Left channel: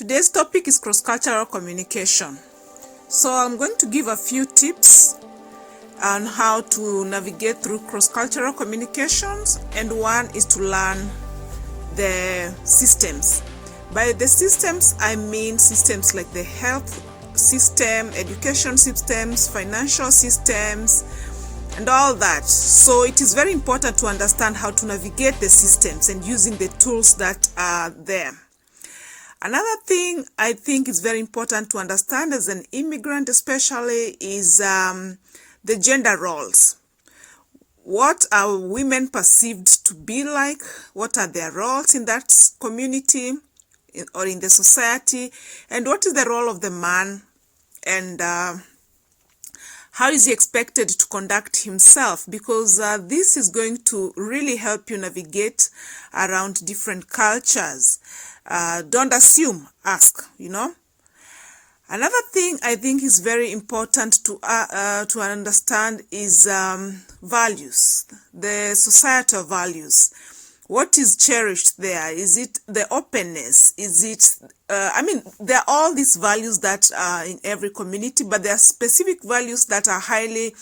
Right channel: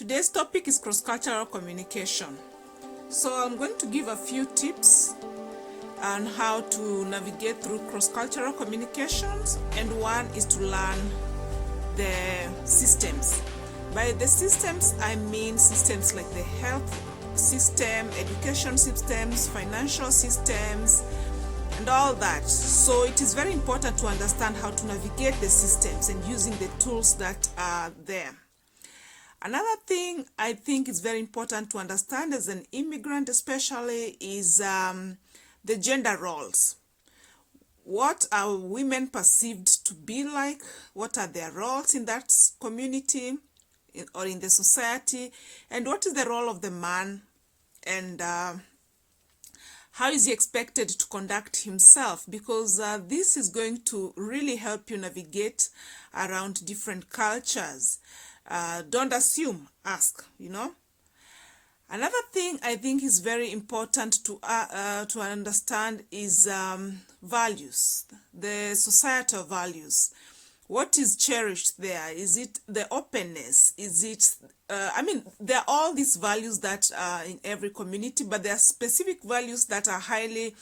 Today's topic is cross-cultural communication. So I'm going to give a few tips on how to navigate through cross-cultural communications, and one is to learn the systems. By the systems, I mean systems like the health system, education systems, financial systems, and all that. So it is very important to understand how to navigate the systems and using the tools that are there. Another thing I think is very important to understand as an immigrant especially is the gender roles. What are women perceived to be like? What are their roles in that community or in the society? And what is the role of the man? And how is he expected to conduct himself? Because this is going to really help you navigate around different cultures. Don't assume, ask, Another thing I think is very important to understand is values, the societal values. What is cherished there? Is it the openness? Is it, there are all these values that are in every community, but there are specific values that are highly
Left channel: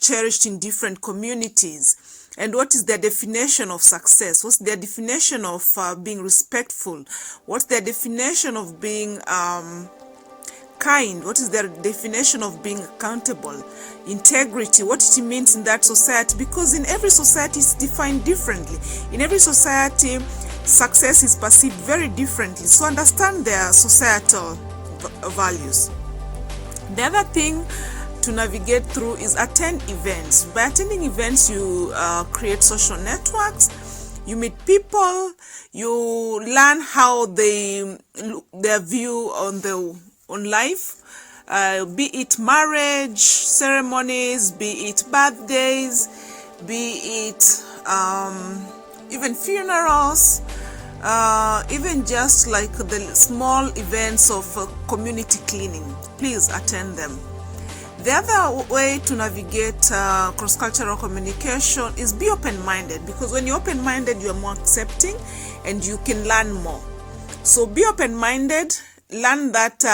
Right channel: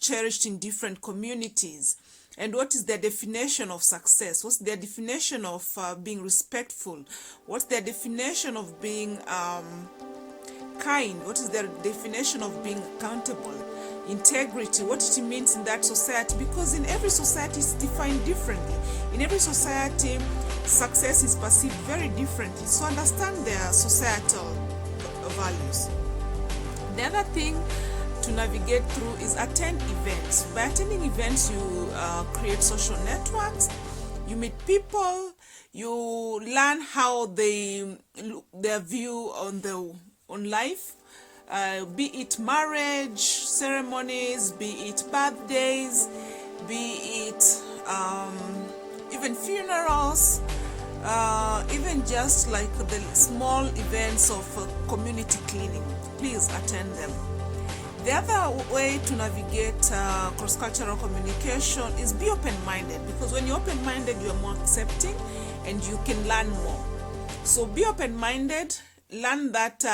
cherished in different communities. And what is their definition of success? What's their definition of being respectful? What's their definition of being kind? What is their definition of being accountable? Integrity, what it means in that society, because in every society it's defined differently. In every society, success is perceived very differently. So understand their societal values. The other thing to navigate through is attend events. By attending events, you create social networks, you meet people, you learn how their view on life, be it marriage ceremonies, be it birthdays, be it even funerals, even just like the small events of community cleaning. Please attend them. The other way to navigate cross-cultural communication is be open-minded, because when you're open-minded, you're more accepting and you can learn more. So be open-minded. Learn that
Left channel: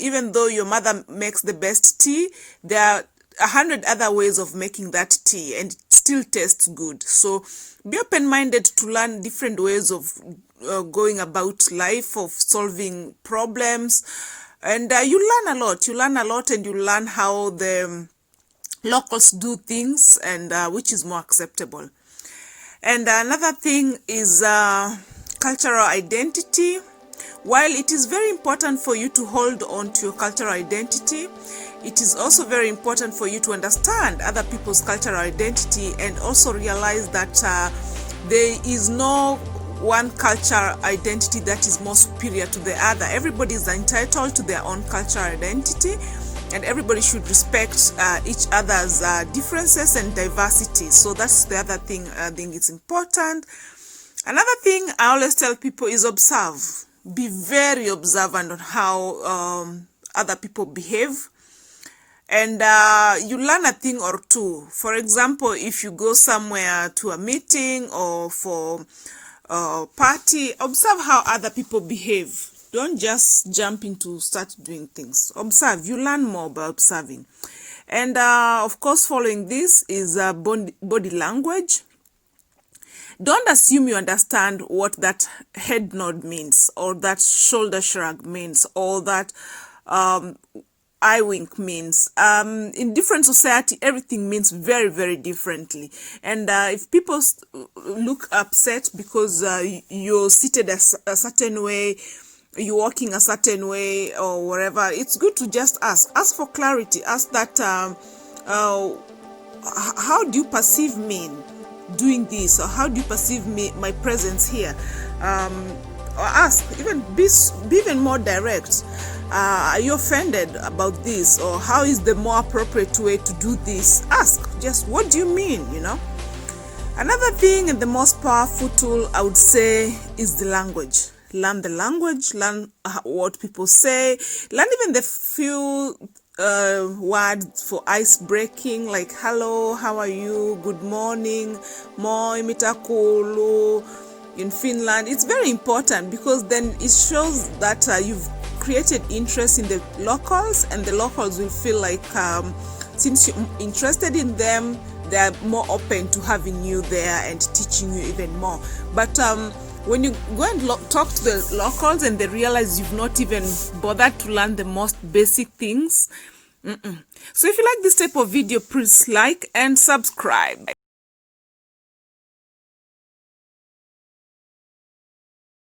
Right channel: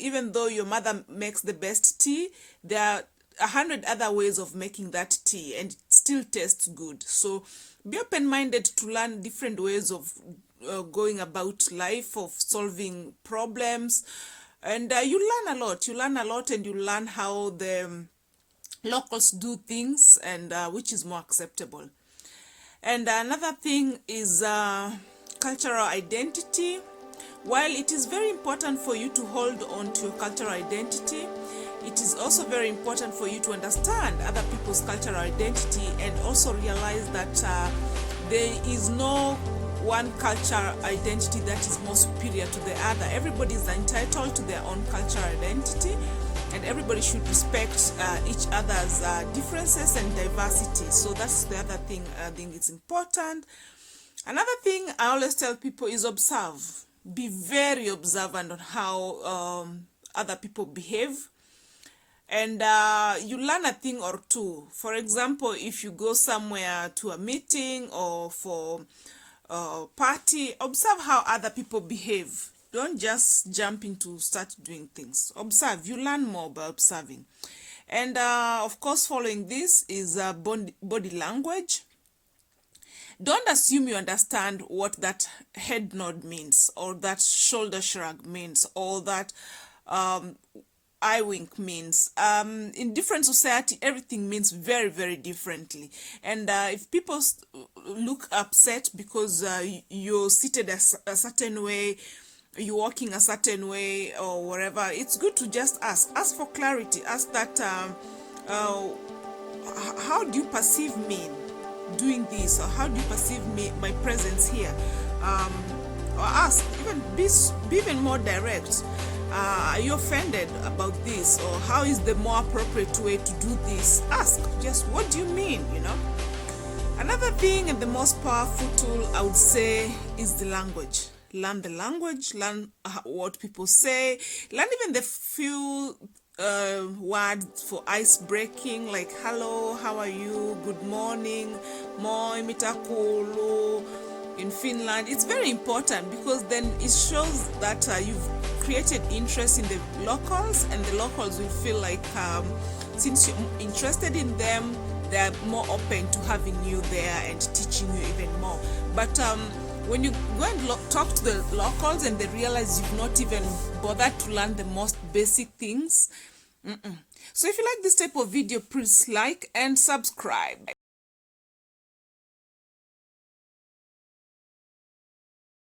even though your mother makes the best tea, there are 100 other ways of making that tea and it still tastes good. So be open-minded to learn different ways of going about life, of solving problems. And you learn a lot. You learn a lot, and you learn how the locals do things and which is more acceptable. And another thing is cultural identity. While it is very important for you to hold on to your cultural identity, it is also very important for you to understand other people's cultural identity and also realize that there is no one cultural identity that is more superior to the other. Everybody is entitled to their own cultural identity, and everybody should respect each other's differences and diversity. So that's the other thing I think is important. Another thing I always tell people is observe. Be very observant on how other people behave, and you learn a thing or two. For example, if you go somewhere to a meeting or for a party, observe how other people behave. Don't just jump into start doing things. Observe. You learn more by observing. And of course, following this is body language. Don't assume you understand what that head nod means, or that shoulder shrug means, or that eye wink means. In different society, everything means very, very differently. And if people look upset because you're seated a certain way, you're walking a certain way, or whatever, it's good to just ask. Ask for clarity. Ask that, how do you perceive me doing this, or how do you perceive my presence here? Or ask, be even more direct. Are you offended about this, or how is the more appropriate way to do this? Ask, just what do you mean? Another thing, and the most powerful tool I would say, is the language. Learn the language, learn what people say, learn even the few words for ice breaking, like hello, how are you, good morning, moi mitakulu, in Finland. It's very important because then it shows that you've created interest in the locals, and the locals will feel like since you're interested in them, they're more open to having you there and teaching you even more. But when you go and talk to the locals and they realize you've not even bothered to learn the most basic things. So if you like this type of video, please like and subscribe.